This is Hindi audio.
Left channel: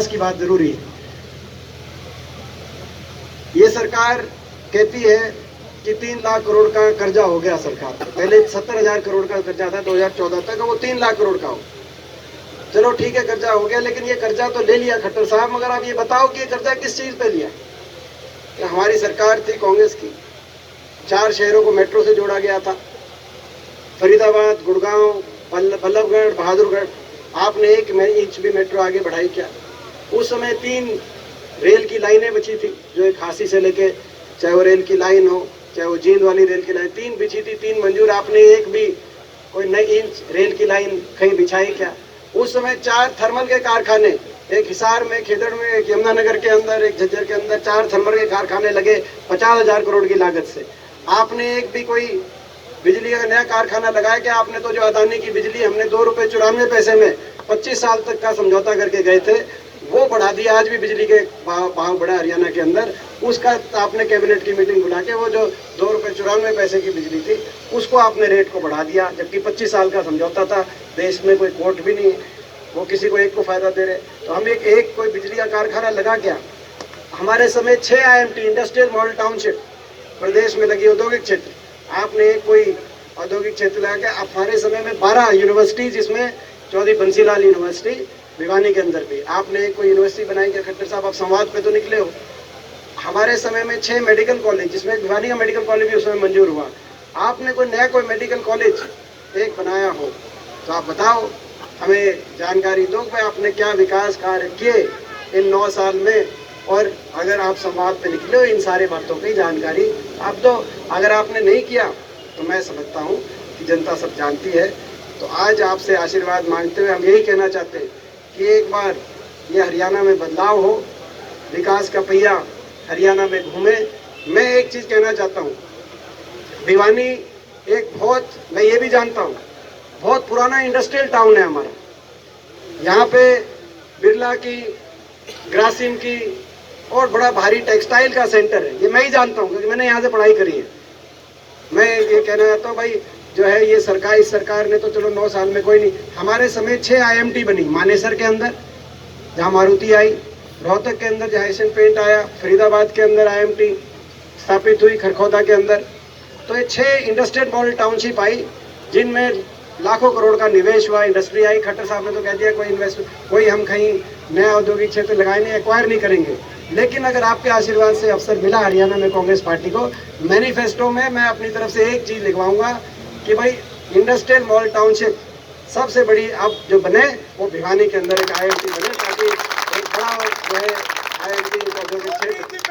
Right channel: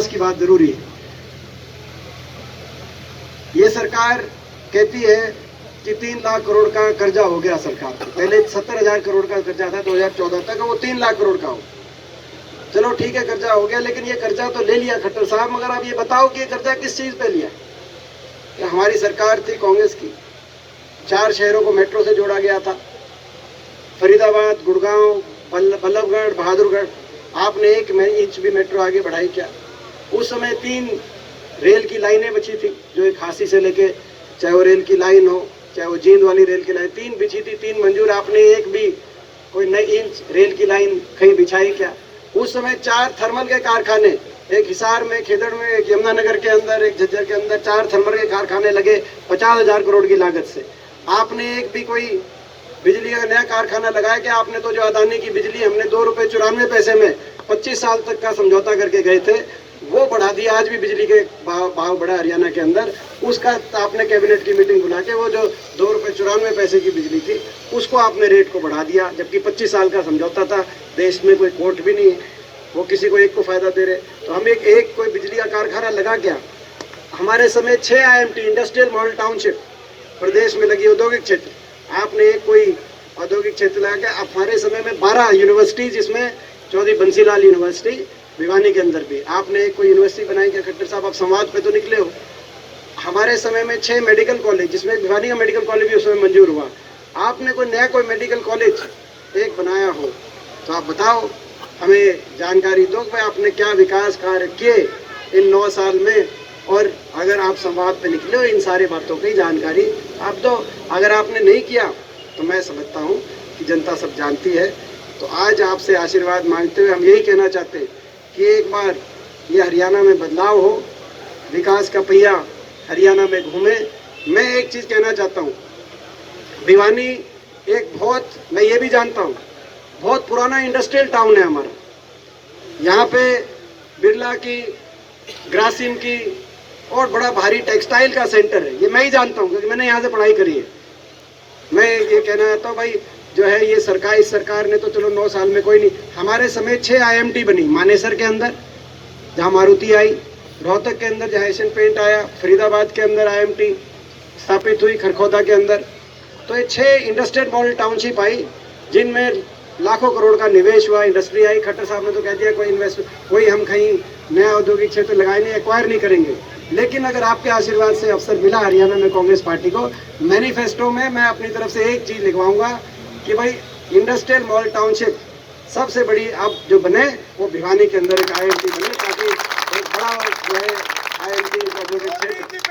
विकास की बात जरूरी है। ये सरकार कहती है कि 3 लाख करोड़ का कर्जा हो गया सरकार, पहले 70,000 करोड़ का कर्जा था 2014 तक, वो 3 लाख करोड़ का हो। चलो ठीक है, कर्जा हो गया, लेकिन ये कर्जा तो ले लिया खट्टर साहब, मगर आप ये बताओ कि ये कर्जा किस चीज पे लिया? कि हमारी सरकार थी कांग्रेस की, 4 शहरों को मेट्रो से जोड़ा गया था, फरीदाबाद, गुड़गांव, बल्लभगढ़, बहादुरगढ़। आपने 1 इंच भी मेट्रो आगे बढ़ाई क्या? उस समय 3 रेल की लाइनें बची थी, जो एक हासी से लेके, चाहे वो रेल की लाइन हो, चाहे वो जींद वाली रेल की लाइन, 3 बिछी थी, 3 मंजूर। आपने एक भी कोई नई इंच रेल की लाइन कहीं बिछाई क्या? उस समय 4 थर्मल के कारखाने, एक हिसार में, खेदड़ में, एक यमुनानगर के अंदर, एक झज्जर के अंदर 4 थर्मल के कारखाने लगे 50,000 करोड़ की लागत से। आपने एक भी कोई बिजली का नया कारखाना लगाया क्या? आपने तो जो अदानी की बिजली हमने 2 रुपए 94 पैसे में 25 साल तक का समझौता करके गए थे, वो बढ़ा दिया। आज भी बिजली के भाव बढ़ा हरियाणा के अंदर, उसका आपने कैबिनेट की मीटिंग बुला के वो जो 2 रुपए 94 पैसे की बिजली थी, उसको आपने रेट को बढ़ा दिया, जबकि 25 साल का समझौता था। देश में कोई कोर्ट भी नहीं है, वो किसी को एक को फायदा दे रहे। तो हम एक कोई बिजली का कारखाना लगा क्या? हमारे समय 6 IMT इंडस्ट्रियल मॉडल टाउनशिप प्रदेश में लगी, औद्योगिक क्षेत्र। आपने एक कोई औद्योगिक क्षेत्र लगा के, हमारे समय में 12 यूनिवर्सिटी, जिसमें चौधरी बंसीलाल यूनिवर्सिटी भिवानी के अंदर भी। आपने एक कोई यूनिवर्सिटी बनाई क्या खट्टर साहब? आप समाज पे तो निकले हो। हमारे समय में 6 मेडिकल कॉलेज, जिसमें भिवानी का मेडिकल कॉलेज भी उसमें मंजूर हुआ। आपने कोई नया कोई मेडिकल कॉलेज एक बनाया हो तो आप बताओ, हमें जानकारी दो कि आपने क्या विकास कार्य किए इन 9 साल में। और अगर आप संवाद पे निकले हो, इन सारे बातों की जानकारी आप दो। अगर आपने नहीं किया तो मैं समझता हूँ कि जनता सब जानती है। तो आज आपसे आशीर्वाद मांगते हुए हम यही कहना चाहते हैं कि एक बार ये हरियाणा में बदलाव हो, विकास का पहिया हरियाणा में घूमे। मैं एक चीज कहना चाहता हूँ, भिवानी एक बहुत, मैं ये भी जानता हूँ, बहुत पुराना इंडस्ट्रियल टाउन है हमारा। यहाँ पे बिरला की, ग्रासिम की और बड़ा भारी टेक्सटाइल का सेंटर है, ये मैं ही जानता हूँ क्योंकि मैंने यहाँ से पढ़ाई करी है। मैं ये कहना चाहता हूँ भाई, जो है ये सरकार, इस सरकार ने तो चलो 9 साल में कोई नहीं, हमारे समय 6 IMT बनी, मानेसर के अंदर जहाँ मारुति आई, रोहतक के अंदर जहाँ एशियन पेंट आया, फरीदाबाद के अंदर IMT स्थापित हुई, खरखौदा के अंदर। तो ये 6 इंडस्ट्रियल मॉडल टाउनशिप आई, जिनमें लाखों करोड़ का निवेश हुआ, इंडस्ट्री आई। खट्टर साहब ने तो कह दिया कोई हम कहीं नया औद्योगिक क्षेत्र लगाए नहीं, एक्वायर नहीं करेंगे। लेकिन अगर आपके आशीर्वाद से अवसर मिला हरियाणा में कांग्रेस पार्टी को, मैनिफेस्टो में मैं अपनी तरफ से एक चीज लिखवाऊंगा कि भाई इंडस्ट्रियल मॉडल टाउनशिप सबसे बड़ी अब जो बने वो भिवानी के अंदर एक IMT बने, ताकि एक बड़ा जो है IMT औद्योगिक क्षेत्र